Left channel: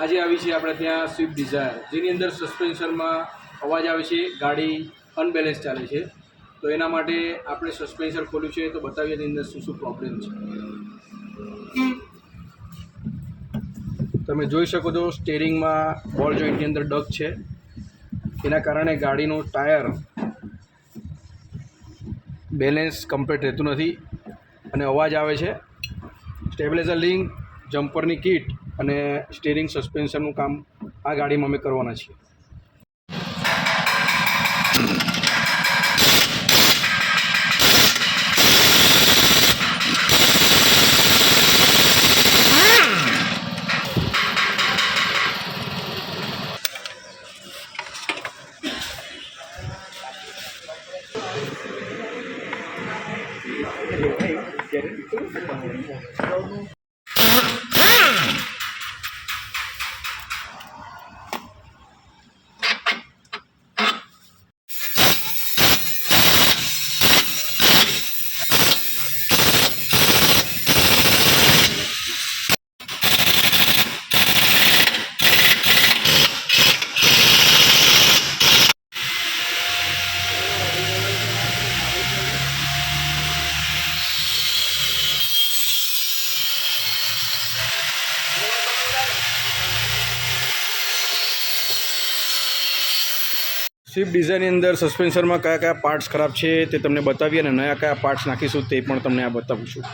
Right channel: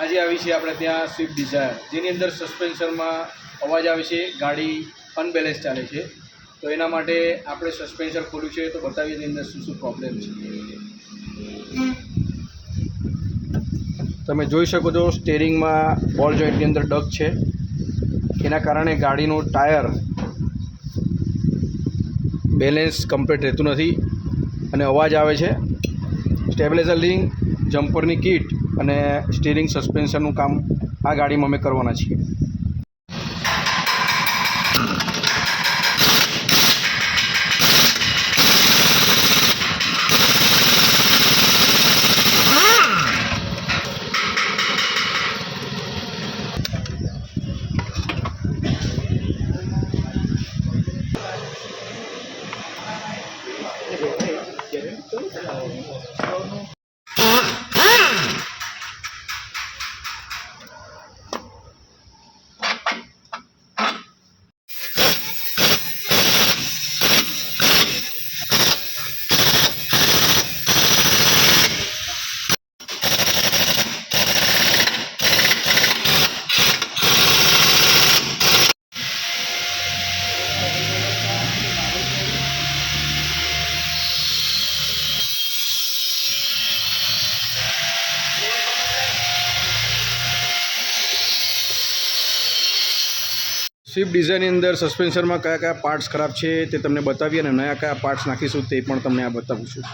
આજે આવી છે આપણે ત્યાં સ્વિફ્ટ ડિઝાયર, જેની અંદર સસ્પેન્શનમાં અવાજ આવે છે, ગાડી અનબેલેન્સ ચાલે છે. તો એના માટે આપણે સસ્પેન્શન ખોલ્યું છે, તો બતાવીએ એની અંદર શું પ્રોબ્લેમ છે. તમે જોઈ શકો છો સ્ટેરિંગમાં બોલ જોઈન્ટની અંદર ડગ છે. એના કારણે ગાડીનું ટાયર બેલેન્સ કમ્પ્લીટ રહેતું નથી અને અવાજ આવે છે. સ્ટેબિલાઇઝર લિંક, જમ્પરની કિટ અને સ્ટીરિંગ સસ્પેન્શનનું કામ આ ગાડીમાં અમે કરવાના છીએ. સ્વિફ્ટ ડિઝાયરની અંદર સસ્પેન્શનમાં કયા કયા પાર્ટ્સ ખરાબ છે તે તમને બતાવીએ અને નયા કયા પાર્ટ્સ નાખીશું તે પણ તમને આ બતાવું છું.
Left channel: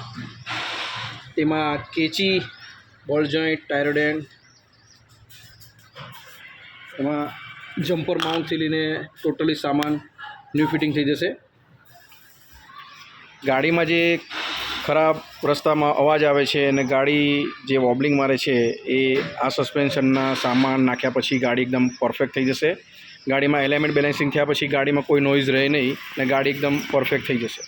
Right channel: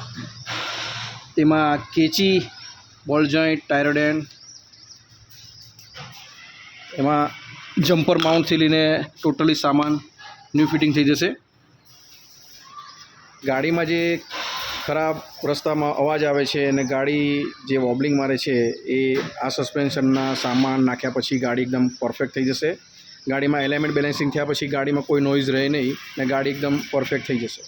તેમાં કેચી, બોલ જોઈન્ટ, ટાયરોડેન, એમાં જમ્પર માઉન્ટથી લઈને ટોટલી સામાન ન્યૂ ફિટિંગ થઈ જશે. ગાડીમાં જે ખરાબ રસ્તામાં અવાજ આવે છે અને ગાડી જે વોબલિંગ મારે છે એ આ સસ્પેન્શનના સામાન નાખ્યા પછી ગાડી એકદમ પરફેક્ટ થઈ જશે. ગાડીમાં એલિમેન્ટ બેલેન્સિંગ થયા પછી ગાડીમાં કોઈ નોઇઝ રહે નહીં અને ગાડી એકદમ પરફેક્ટ થઈ જશે.